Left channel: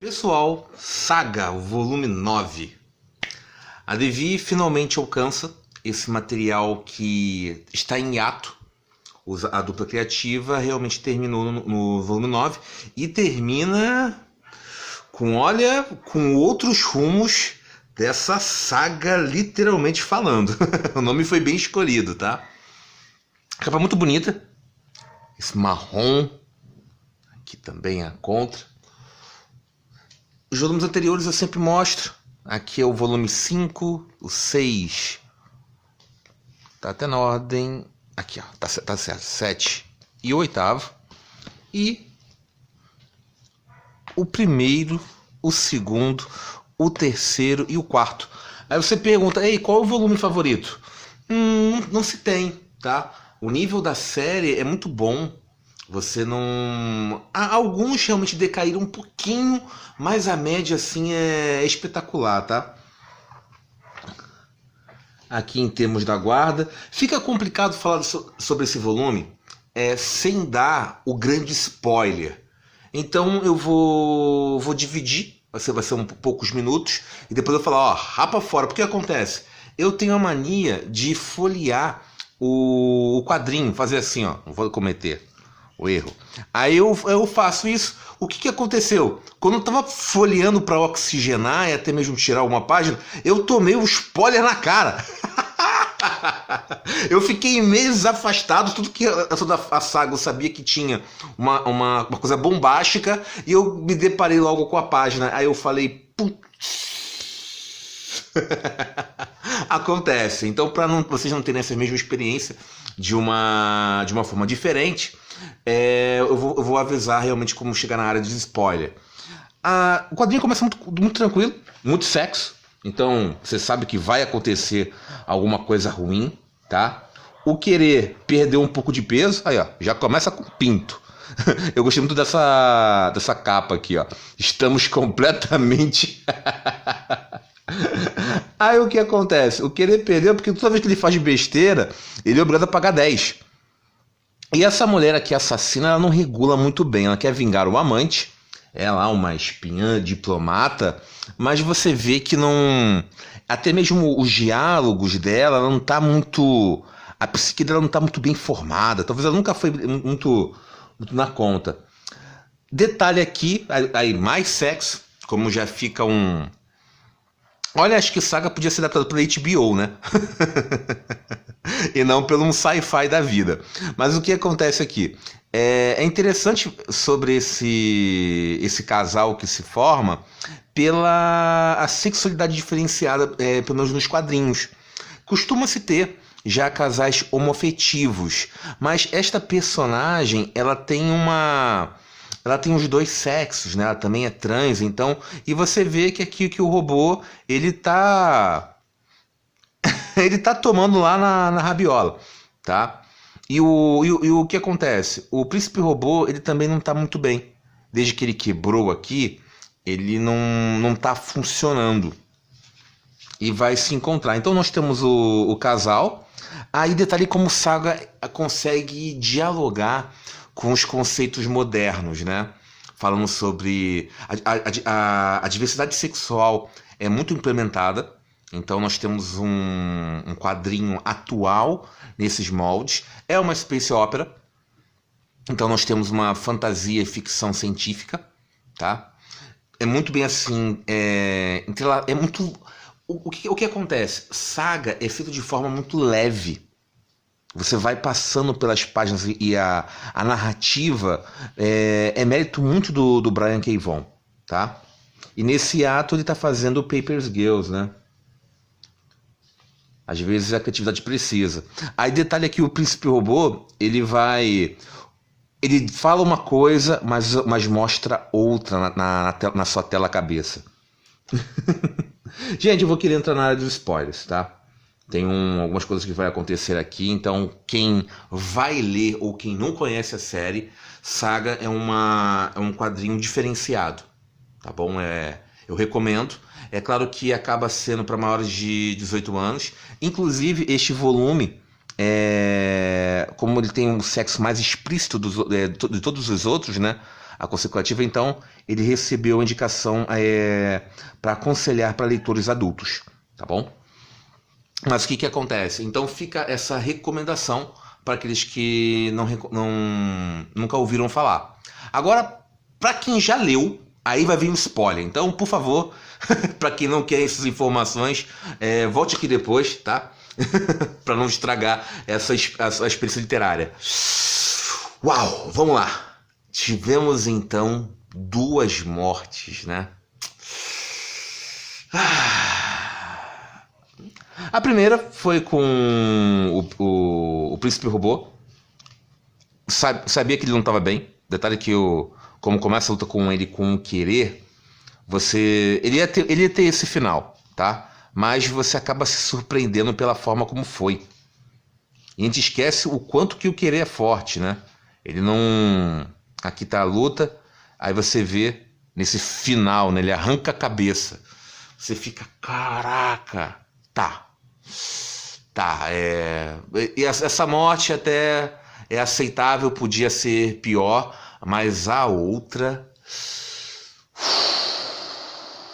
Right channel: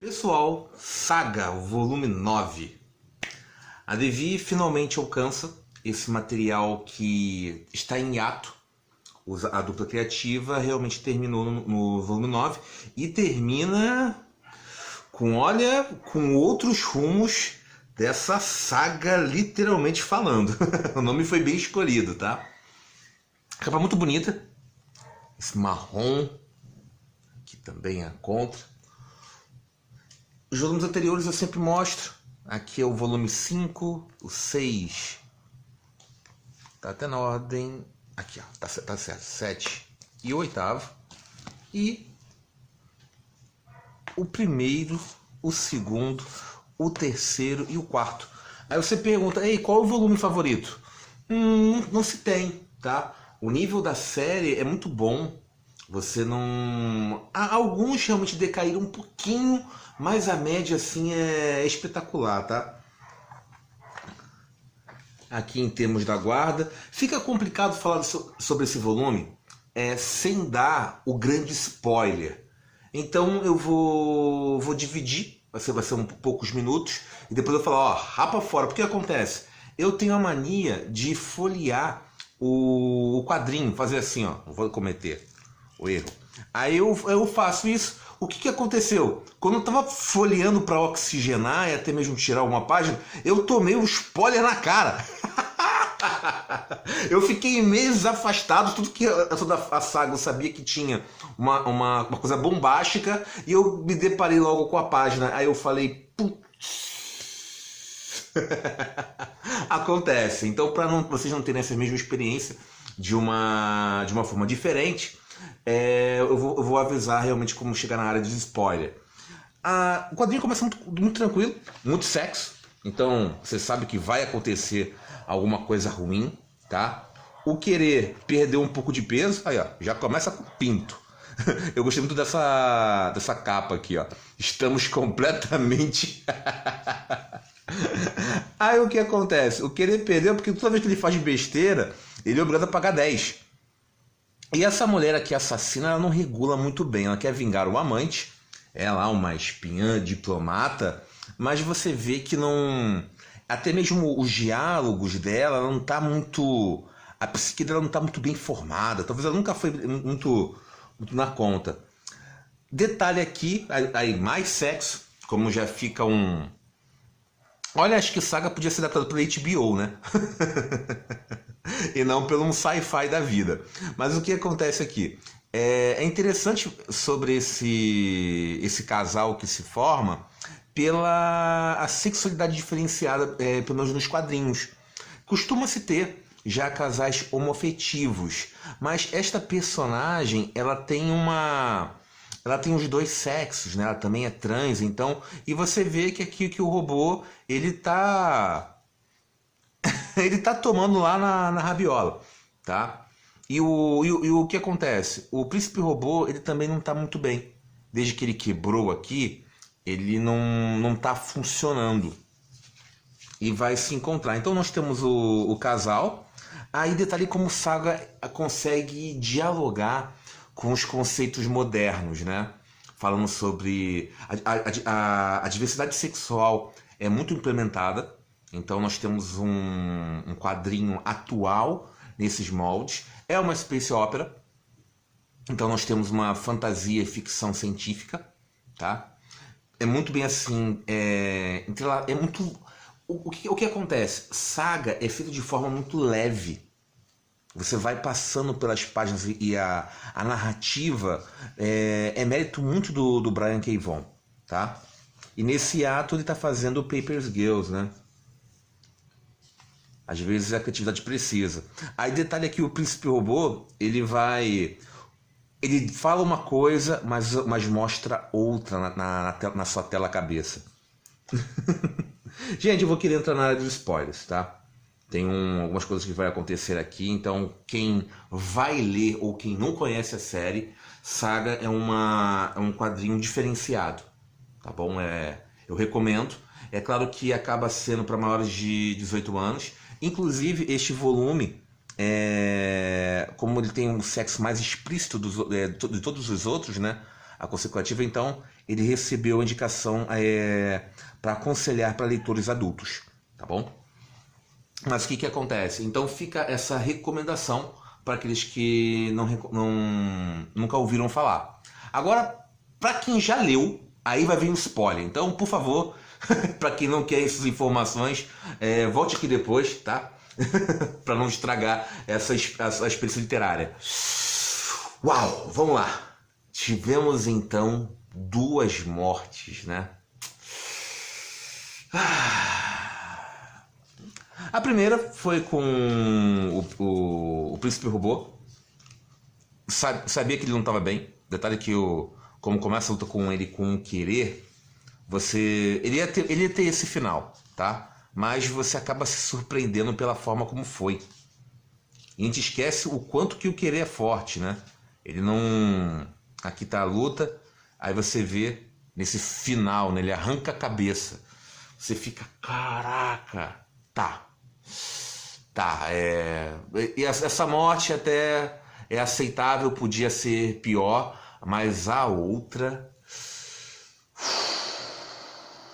Pessoal, Saga, o volume 9. A Devi finalmente alcança esse material que está em hiato. A dupla criativa realmente terminou no volume 9 e termina com outros rumos dessa saga, literalmente falando. O nome foi bem escolhido, tá? Capa muito bonita. Esse marrom, aqui também é a contra. Os volumes anteriores eu sempre mostro. Aqui é o volume 5, o 6. Tá até na ordem. Aqui, ó, tá certo. 7 e o 8º. E o primeiro, o segundo, o terceiro e o quarto. Aí você pergunta, ei, qual é o volume favorito? Não se tem, tá? O nível da série é muito bom. Você não... Alguns realmente decaíram um pouquinho, mas a média assim é espetacular, tá? Aqui em termos da guarda, fica complicado falar sobre esse volume sem dar o grande spoiler. Então eu vou dividir, vai ser poucos minutos, e depois eu vou falar, ó, rapa fora, porque acontece? Eu tenho a mania de folhear o quadrinho, fazer assim, ó, não vou cometer o erro. Aí eu faço isso. O que aconteceu? Quando eu tava folheando para oxigenar e até mesmo tirar uma página, eu tomei um spoiler na cara. Eu fiquei meses afastado, tudo que toda a saga eu sabia que tinha uma coisa bombástica, e eu me deparei logo com a página. Aí eu falei, putz. Acontece. Então, para vocês não terem essa mesma experiência de uma forma diferente, eu vou avisar realmente como chegar na área de spoiler. O quadrinho começa muito tranquilo, muito sexo. Então você sabe que vai acontecer alguma coisa ruim, tá? O querer perder um pouco de peso, aí ó, já começa com pinto. Eu gostei muito dessa capa aqui, ó. Estamos completamente... Aí o que acontece? O querer perder, porque toda vez que ele faz besteira, ele é obrigado a pagar 10. E essa mulher aqui assassina, ela não regula muito bem. Ela quer vingar o amante, é lá uma espiã diplomata, mas você vê que não... Até mesmo os diálogos dela, ela não tá muito... A psique dela não tá muito bem formada. Talvez ela nunca foi muito na conta. Detalhe aqui, aí mais sexo, como já fica um... Olha, acho que Saga podia ser adaptado pela HBO, né? E não pelo um sci-fi da vida. Mas o que acontece aqui? É interessante sobre esse casal que se forma pela a sexualidade diferenciada, pelo menos nos quadrinhos. Costuma-se ter já casais homoafetivos, mas esta personagem, ela tem os dois sexos, né? Ela também é trans, então, e você vê que aqui que o robô, ele tá tomando lá na rabiola, tá? E o que acontece? O príncipe robô, ele também não tá muito bem. Desde que ele quebrou aqui, ele não tá funcionando. E vai se encontrar. Então nós temos o casal. Aí detalhe como o Saga consegue dialogar com os conceitos modernos, né? Falando sobre a diversidade sexual é muito implementada. Então nós temos um quadrinho atual nesses moldes. É uma space opera. Então nós temos uma fantasia e ficção científica, tá? É muito bem assim, é muito... O que acontece? Saga é feito de forma muito leve. Você vai passando pelas páginas e a narrativa é mérito muito do Brian K. Vaughan, tá? E nesse ato ele está fazendo o Paper Girls, né? Às vezes a criatividade precisa. Aí detalhe aqui, o príncipe robô, ele fala uma coisa, mas mostra outra na sua tela cabeça. Gente, eu vou querer entrar na área dos spoilers, tá? Tem algumas coisas que vai acontecer aqui, então quem vai ler ou quem não conhece a série, Saga é um quadrinho diferenciado, tá bom? Eu recomendo. É claro que acaba sendo para maiores de 18 anos. Inclusive, este volume, como ele tem um sexo mais explícito de todos os outros, né? A consecutiva, então, ele recebeu a indicação para aconselhar para leitores adultos, tá bom? Mas o que acontece? Então fica essa recomendação para aqueles que nunca ouviram falar. Agora, para quem já leu, aí vai vir um spoiler. Então, por favor, para quem não quer essas informações, volte aqui depois, tá? Para não estragar essa experiência literária. Uau, vamos lá. Tivemos então 2 mortes, né? A primeira foi com o Príncipe Robô. Sabia que ele não estava bem. Detalhe que como começa a luta com ele com o querer, ele ia ter esse final, tá? Mas você acaba se surpreendendo pela forma como foi. E a gente esquece o quanto que o querer é forte, né? Ele não... Aqui tá a luta, aí você vê nesse final, né? Ele arranca a cabeça. Você fica, caraca, tá. E essa morte até é aceitável, podia ser pior, mas a outra...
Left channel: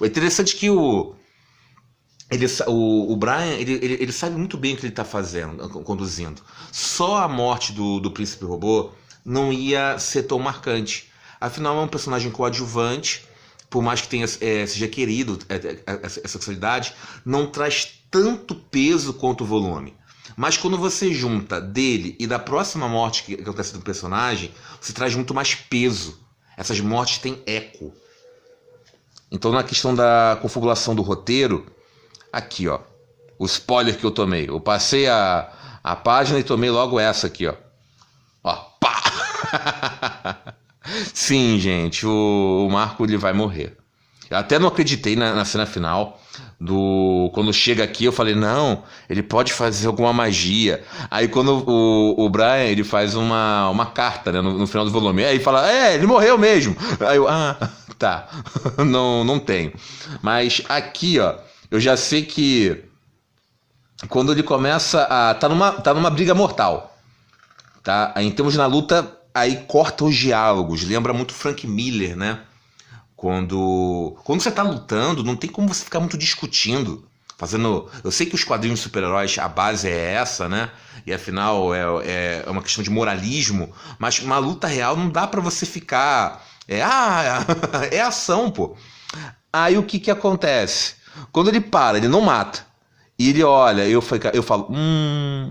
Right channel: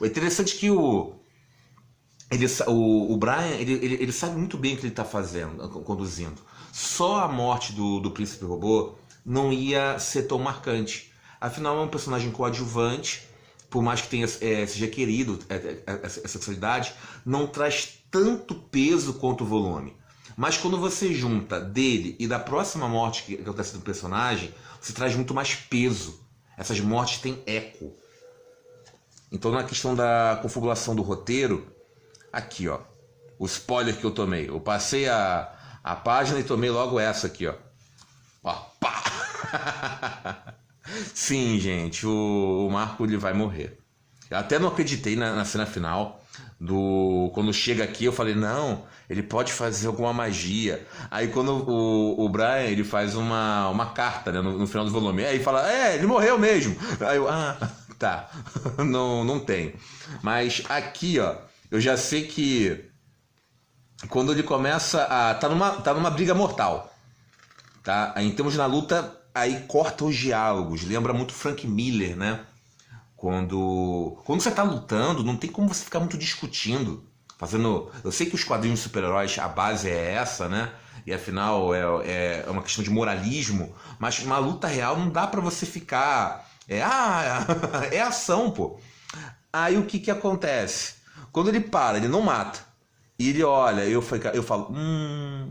É interessante que o Brian, ele sabe muito bem o que ele está fazendo, conduzindo. Só a morte do Príncipe Robô não ia ser tão marcante. Afinal, é um personagem coadjuvante, por mais que seja querido essa sexualidade, não traz tanto peso quanto o volume. Mas quando você junta dele e da próxima morte que acontece do personagem, você traz muito mais peso. Essas mortes têm eco. Então, na questão da configuração do roteiro, aqui, ó, o spoiler que eu tomei. Eu passei a página e tomei logo essa aqui, ó. Ó, pá! Sim, gente, o Marco ele vai morrer. Eu até não acreditei na cena final. Quando chega aqui, eu falei, não, ele pode fazer alguma magia. Aí quando o Brian ele faz uma carta, né, no final do volume, aí fala, ele morreu mesmo. Aí eu, tá, não tem. Mas aqui, ó, eu já sei que quando ele começa tá numa briga mortal, tá? Aí, em termos na luta, aí corta os diálogos, lembra muito Frank Miller, né? Quando você tá lutando, não tem como você ficar muito discutindo, eu sei que os quadrinhos de super-heróis, a base é essa, né? E afinal é uma questão de moralismo, mas uma luta real não dá pra você ficar... é ação, pô. Aí o que acontece? Quando ele para, ele não mata. E ele olha, eu falo,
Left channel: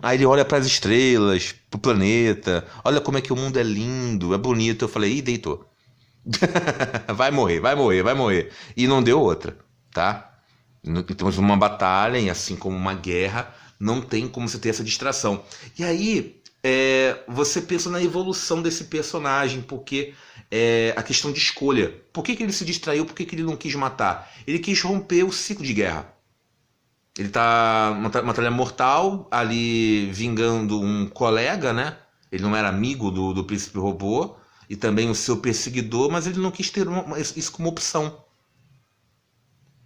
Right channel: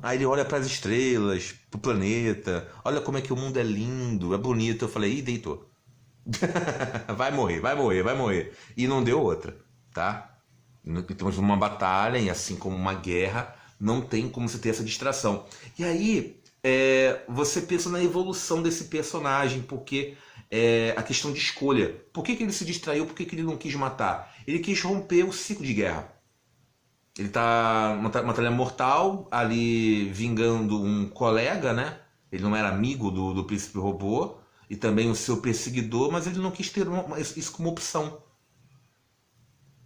aí ele olha para as estrelas, pro planeta, olha como é que o mundo é lindo, é bonito. Eu falei, deitou. Vai morrer. E não deu outra, tá? Temos uma batalha, e assim como uma guerra, não tem como você ter essa distração. E aí, você pensa na evolução desse personagem, porque a questão de escolha. Por que ele se distraiu? Por que ele não quis matar? Ele quis romper o ciclo de guerra. Ele tá uma batalha mortal, ali vingando um colega, né? Ele não era amigo do Príncipe Robô, e também o seu perseguidor, mas ele não quis ter isso como opção.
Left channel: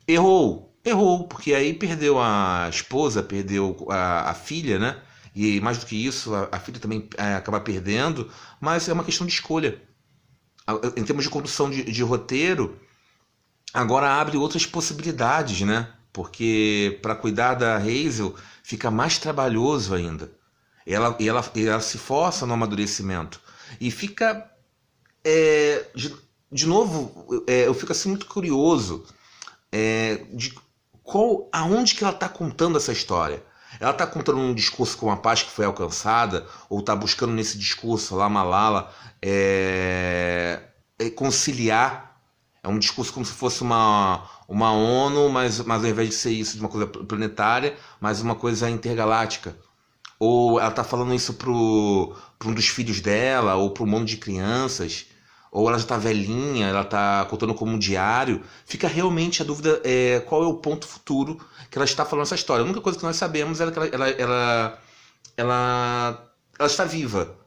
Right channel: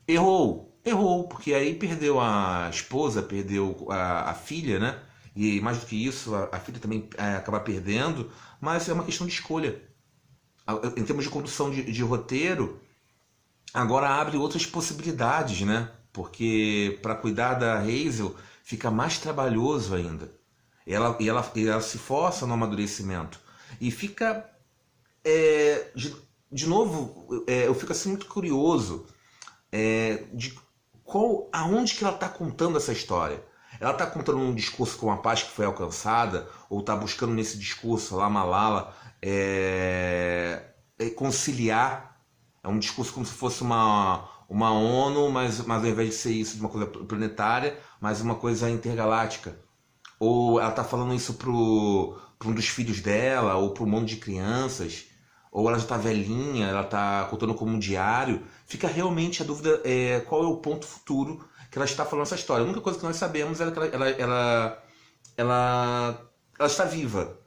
Errou, porque aí perdeu a esposa, perdeu a filha, né? E mais do que isso, a filha também acaba perdendo, mas é uma questão de escolha. Em termos de condução de roteiro, agora abre outras possibilidades, né? Porque para cuidar da Hazel fica mais trabalhoso ainda. Ela se força no amadurecimento. E fica... de novo, eu fico assim muito curioso de aonde que ela está contando essa história. Ela está contando um discurso com a paz que foi alcançada, ou está buscando nesse discurso lá, Malala, conciliar. É um discurso como se fosse uma ONU, mas ao invés de ser isso, de uma coisa planetária, mas uma coisa intergaláctica. Ou ela está falando isso para um dos filhos dela, ou para um monte de crianças, ou ela já está velhinha, ela está contando como um diário. Fica realmente a dúvida qual é o ponto futuro que ela está falando essa história. A única coisa que nós sabemos é que ela está viva.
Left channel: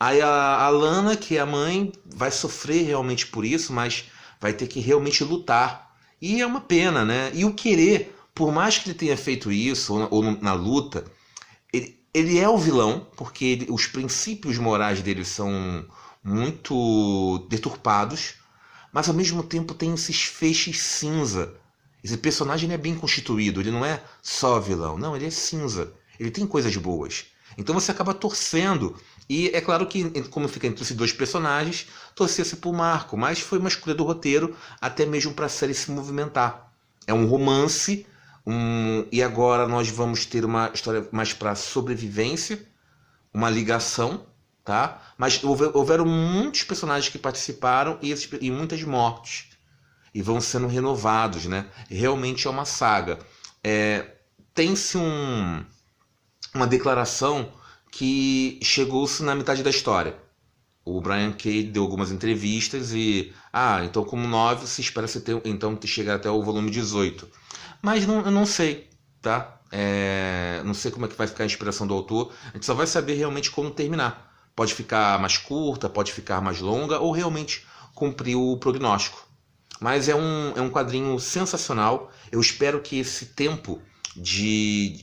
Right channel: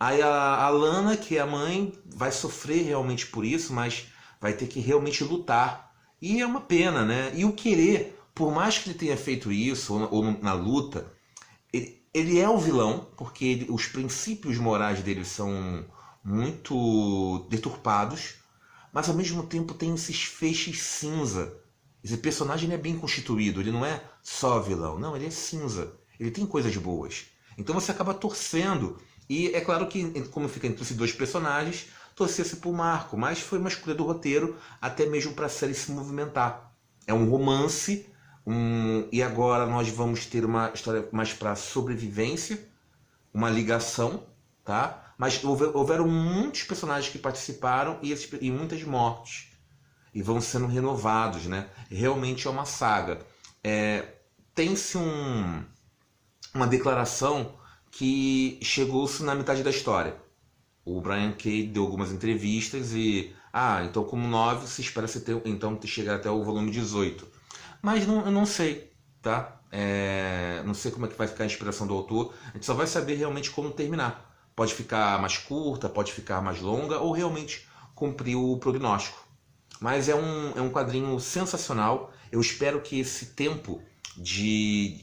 Aí a Lana, que é a mãe, vai sofrer realmente por isso, mas vai ter que realmente lutar. E é uma pena, né? E o querer, por mais que ele tenha feito isso, ou na luta, ele é o vilão, porque os princípios morais dele são muito deturpados, mas ao mesmo tempo tem esses feixes cinza. Esse personagem ele é bem constituído, ele não é só vilão, não, ele é cinza. Ele tem coisas boas. Então você acaba torcendo. E é claro que, como fica entre esses dois personagens, torcer-se por Marco, mas foi uma escolha do roteiro, até mesmo para a série se movimentar. É um romance, e agora nós vamos ter uma história mais para sobrevivência, uma ligação, tá? Mas houveram muitos personagens que participaram e muitas mortes. E vão sendo renovados, né? Realmente é uma saga. Tem-se uma declaração que chegou-se na metade da história. O Brian K. deu algumas entrevistas e... então como 9, se espera então chegar até o volume 18. Mas eu não sei, tá? Não sei como é que vai ficar a inspiração do autor. A gente só vai saber realmente como terminar. Pode ficar mais curta, pode ficar mais longa, ou realmente cumprir o prognóstico. Mas é um quadrinho sensacional. Eu espero que esse tempo,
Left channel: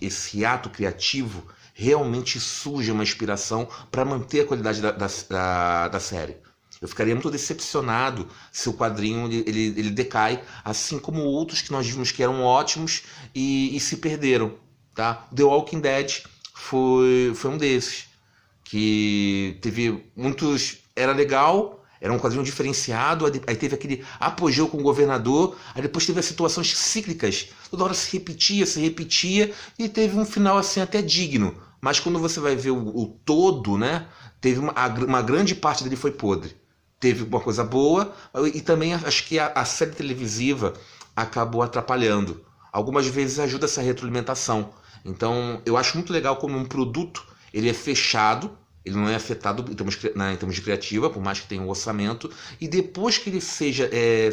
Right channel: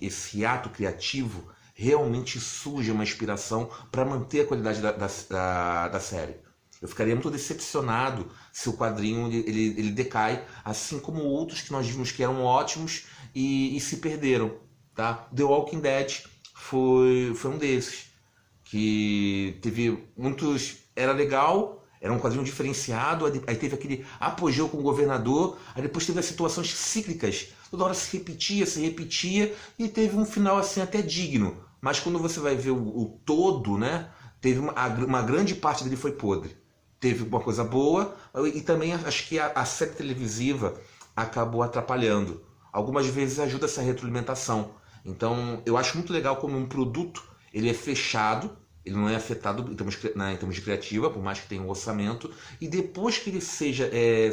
esse ato criativo, realmente surja uma inspiração para manter a qualidade da série. Eu ficaria muito decepcionado se o quadrinho ele decai, assim como outros que nós vimos que eram ótimos e se perderam. Tá? The Walking Dead foi um desses, que teve muitos... Era legal, era um quadrinho diferenciado, aí teve aquele apogeu com o governador, aí depois teve as situações cíclicas, toda hora se repetia, e teve um final assim até digno. Mas quando você vai ver o todo, né, teve uma grande parte dele foi podre. Teve uma coisa boa, e também acho que a série televisiva acabou atrapalhando. Algumas vezes ajuda essa retroalimentação. Então eu acho muito legal como um produto, ele é fechado, ele não é afetado em termos de criativa, por mais que tenha um orçamento, e depois que ele seja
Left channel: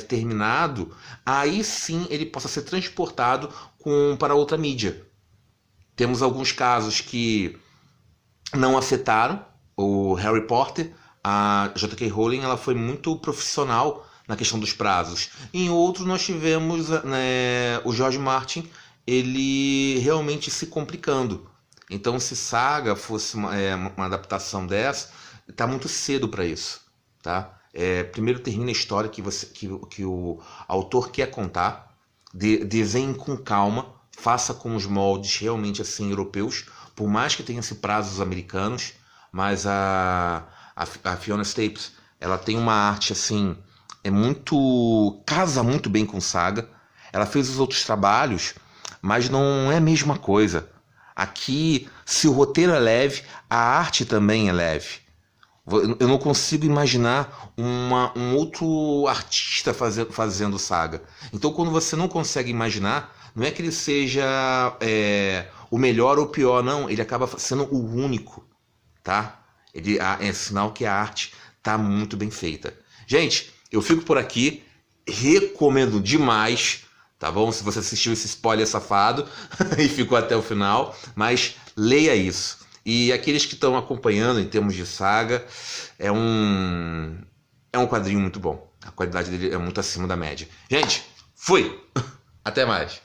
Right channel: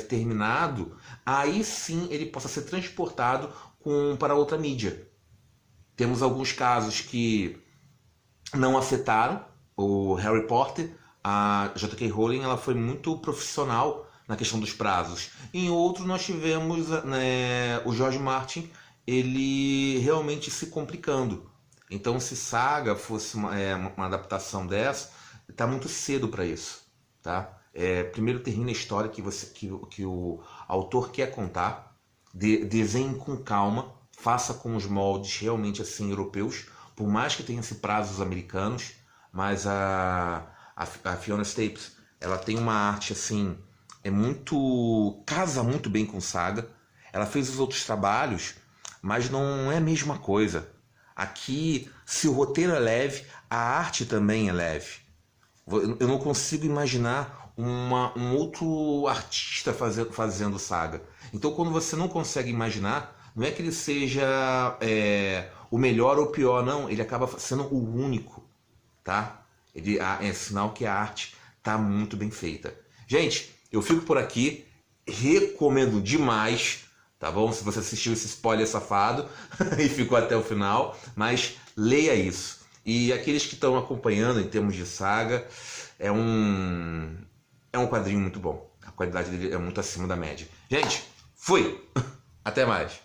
terminado, aí sim ele possa ser transportado para outra mídia. Temos alguns casos que não afetaram. O Harry Potter, a J.K. Rowling, ela foi muito profissional na questão dos prazos. Em outros nós tivemos o George Martin, ele realmente se complicando. Então, se Saga fosse uma adaptação dessa, está muito cedo para isso, tá? Primeiro termina a história que o autor quer contar, desenhe com calma, faça com os moldes realmente assim europeus, por mais que tenha esse prazos americanos, mas a Fiona Staples, ela tem uma arte assim, casa muito bem com Saga. Ela fez os outros trabalhos, mas não é a mesma coisa. Aqui, se o roteiro é leve, a arte também é leve. Eu não consigo imaginar um outro artista fazendo Saga. Então, quando você não consegue imaginar, não é que ele seja o melhor ou o pior, não. Ele acaba sendo o único, tá? É sinal que a arte está muito bem feita. Gente, eu fico por aqui. Recomendo demais. Tá bom? Se você assistiu esse spoiler safado e ficou até o final, mas leia isso. E aqueles que estão acompanhando em termos de Saga, é um quadrinho muito bom. A qualidade dele é muito acima da média. Gente, fui! Até mais!